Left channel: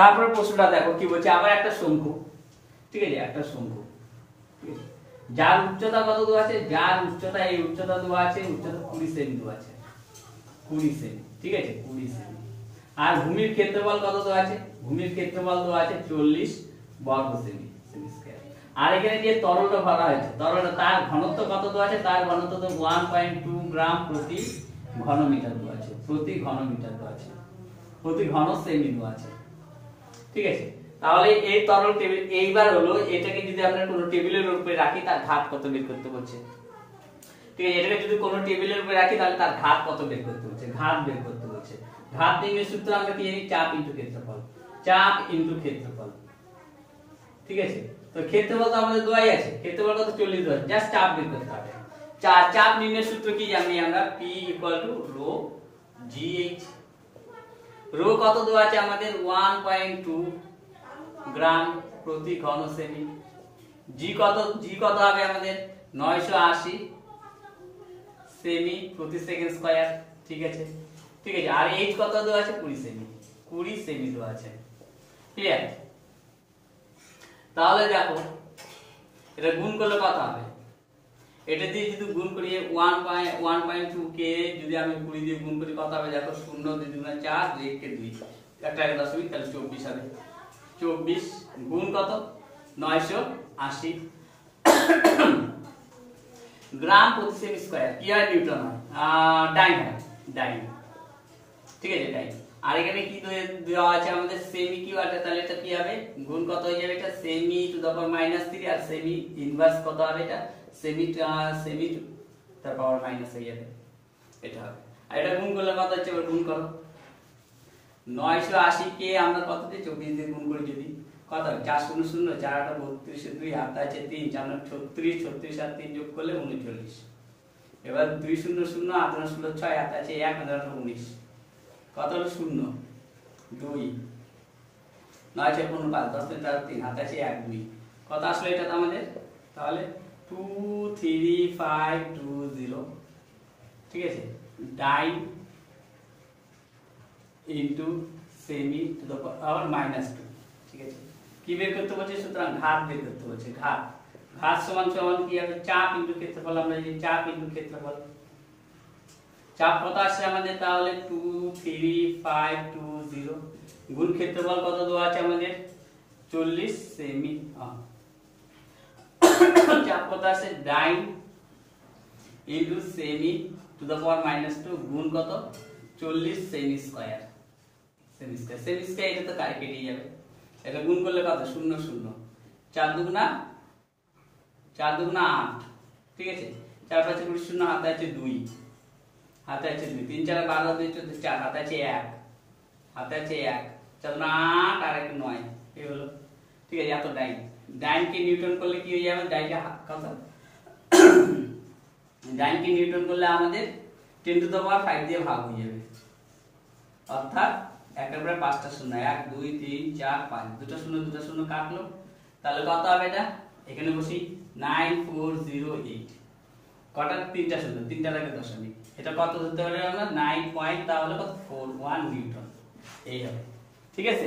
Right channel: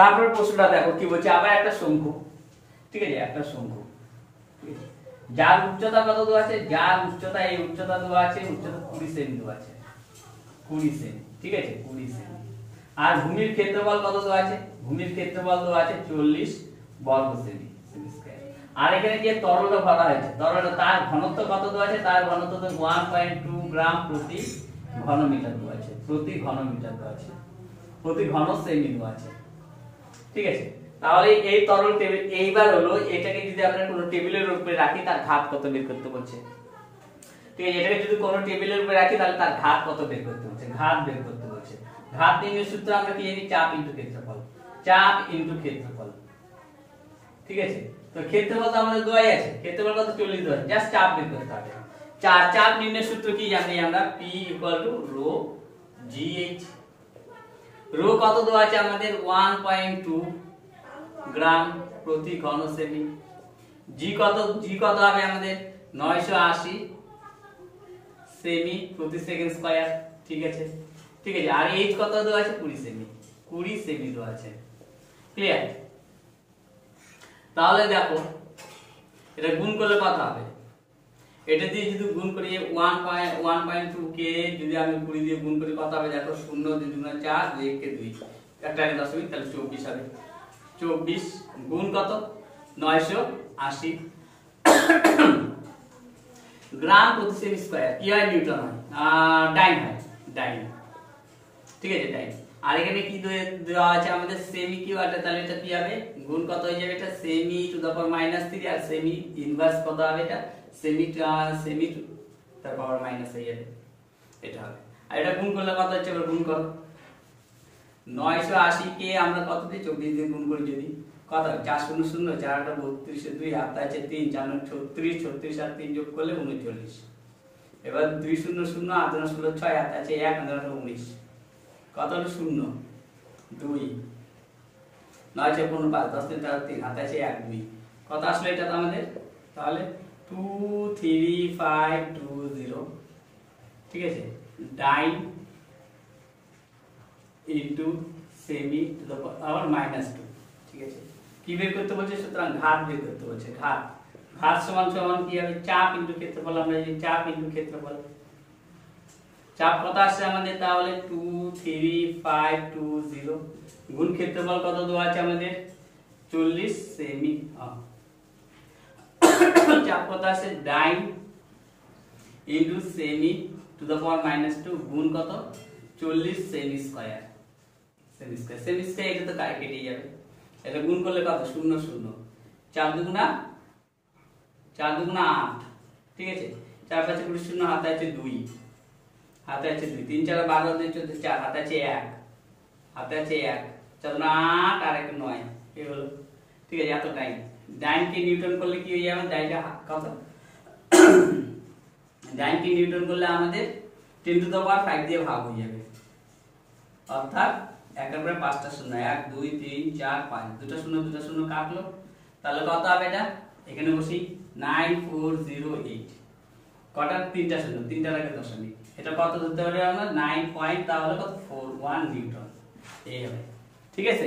তারপরে প্রশ্নটা দেখো কি বলছে, আবার একটা শঙ্কু, ঠিক আছে, একটা শঙ্কু, ঠিক আছে, যার উচ্চতা কত দেওয়া আছে, যার উচ্চতা, এই উচ্চতা দেওয়া আছে, উচ্চতা 20 সেমি দেওয়া আছে, 20 সেমি, ঠিক আছে, 20 সেমি। আর ভূমির ক্ষেত্রফল কত দেওয়া আছে, ভূমির ক্ষেত্রফল দেওয়া আছে 40 বর্গ সেমি স্কয়ার। আর এখানে যে তরলটা ভরা হয়েছে, তরলটা তার ঘনত্ব কত দেওয়া আছে, তার ঘনত্ব তো 1.2 গ্রাম প্রতি ঘনমিটার দেওয়া আছে, প্রতি ঘনমিটার দেওয়া আছে, প্রতি ঘন সেমি দেওয়া আছে, ঠিক আছে। তাহলে এই তরল টেবিল, এইবার হলো এটাকে যদি আমরা কোনো টেবিলের উপরে রাখি তার ঘাত কত বের করতে বলছে, ঠিক আছে, এটাকে যদি কোনো টেবিলের উপরে রাখি তাহলে তার ঘাত কত বের করতে বলছে, ঘাত বের করতে বলছে। ঘাত নির্ণয়ের সূত্র আমরা কি জানি, চাপ ইনটু ক্ষেত্রফল, চাপ ইনটু ক্ষেত্রফল, ঠিক আছে। তো ক্ষেত্রফল তো আমাদের দেওয়াই আছে, ক্ষেত্রফল কত 40 দেওয়া আছে, জাস্ট চাপ বের করতে হবে। চাপ নির্ণয়ের সূত্র কি জানি আমরা, P = রো GH। রো কত দেওয়া আছে আমাদের 1.2 গ্রাম প্রতি ঘন সেমি। জি কত হবে আমাদের 980 সেমি প্রতি সেকেন্ড স্কয়ার, ঠিক আছে, ঠিক আছে। আর এইচ কত দেওয়া আছে 20 সেমি, 20 সেমি দেওয়া আছে, ঠিক আছে। তাহলে দেখো এটা গুণ করলে কত হবে, এটা দিয়ে যদি গুণ করি 1.2 কে যদি আমি 20 দিয়ে গুণ করি কত হবে, দেখো 0 2 গুণ 4 2 কে 2 একটা দশমিক, তাহলে 24 হবে। 24 গুণ কত 980 গ্রাম প্রতি সেমি স্কয়ার, কি হয় নিউটন হয়, ডাইন হয়, ডাইন, ঠিক আছে, ডাইন। আর এখানে কি দেওয়া আছে আমাদের সেমি কিউ আছে, তাহলে এটা কি হবে গুণ কত হয়ে যাবে, এটা সেমি টু দা পাওয়ার -3 আর সেমি ইনভার্স কত হবে, এটা সেমি টু তার পাওয়ার মাইনাস হয়ে যাবে, এটা হবে। আর এটা গুণ করলে কত হচ্ছে, এবার গুণ করো 980 কে আমরা কত দিয়ে 24 দিয়ে গুণ করি, যদি কত হয় 4 0 0 4 8 32 2 হাতে আছে 3 4 9 36 36 আর 3 যোগ করলে 39। এবার 2 0 0 8 9 16 6 হাতে আছে 1 9 19, কত হলো 0 2 9 6 15 5 10 3 4 3 হাতে আছে 1 2, কত আসলে এটা আমাদের, তাহলে 23520, ঠিক আছে, ডাইন ইনটু সেমি টু দ্য পাওয়ার -2, ঠিক আছে। কি বের করতে বলছে, সুতরাং ঘাত বের করতে বলছে, ঘাত সমান সমান কি হবে, চাপ ইনটু ক্ষেত্রফল, আমরা এই চাপ ইনটু ক্ষেত্রফল, চাপ কত আসছে আমাদের, তাহলে 23520 গুণ ক্ষেত্রফল কত দেওয়া আছে আমাদের 40 সেমি, চাপ কত আসছে ডাইন ইনটু সেমি টু দ্য পাওয়ার -2 গুণ কত 40 সেমি স্কয়ার, সেমি স্কয়ার এটা তো কেটে যাবে, এটা গুণ করলে কত 0 0 4 দুগুণা 8, ঠিক আছে, 4 5 20 0 হাতে আছে 2 হাতে আছে 2 3 4 12 2 14 4 হাতে আছে 1 হাতে আছে 1 4 8 আর 1 9, এই হলো, ঠিক আছে। এত ডাইন কে নিউটন করলে কি হয়ে যাবে, ডাইনটা কত ডাইন কে নিউটন করলে আমাদের 10 টু দ্য পাওয়ার 5 দিয়ে ভাগ হয়ে যাবে, অর্থাৎ একের পরে 5টা শূন্য, 1 2 3 4 5, দুটো শূন্য কাটলো, তাহলে কত হবে এটা, এখানে বসি 9408, কটা 3টা শূন্য, 3টার আগে দশমিক, এটা কত ধরতে হবে আমরা 9 পয়েন্ট, তাহলে কত 41 নিউটন, এই হবে, ঠিক আছে।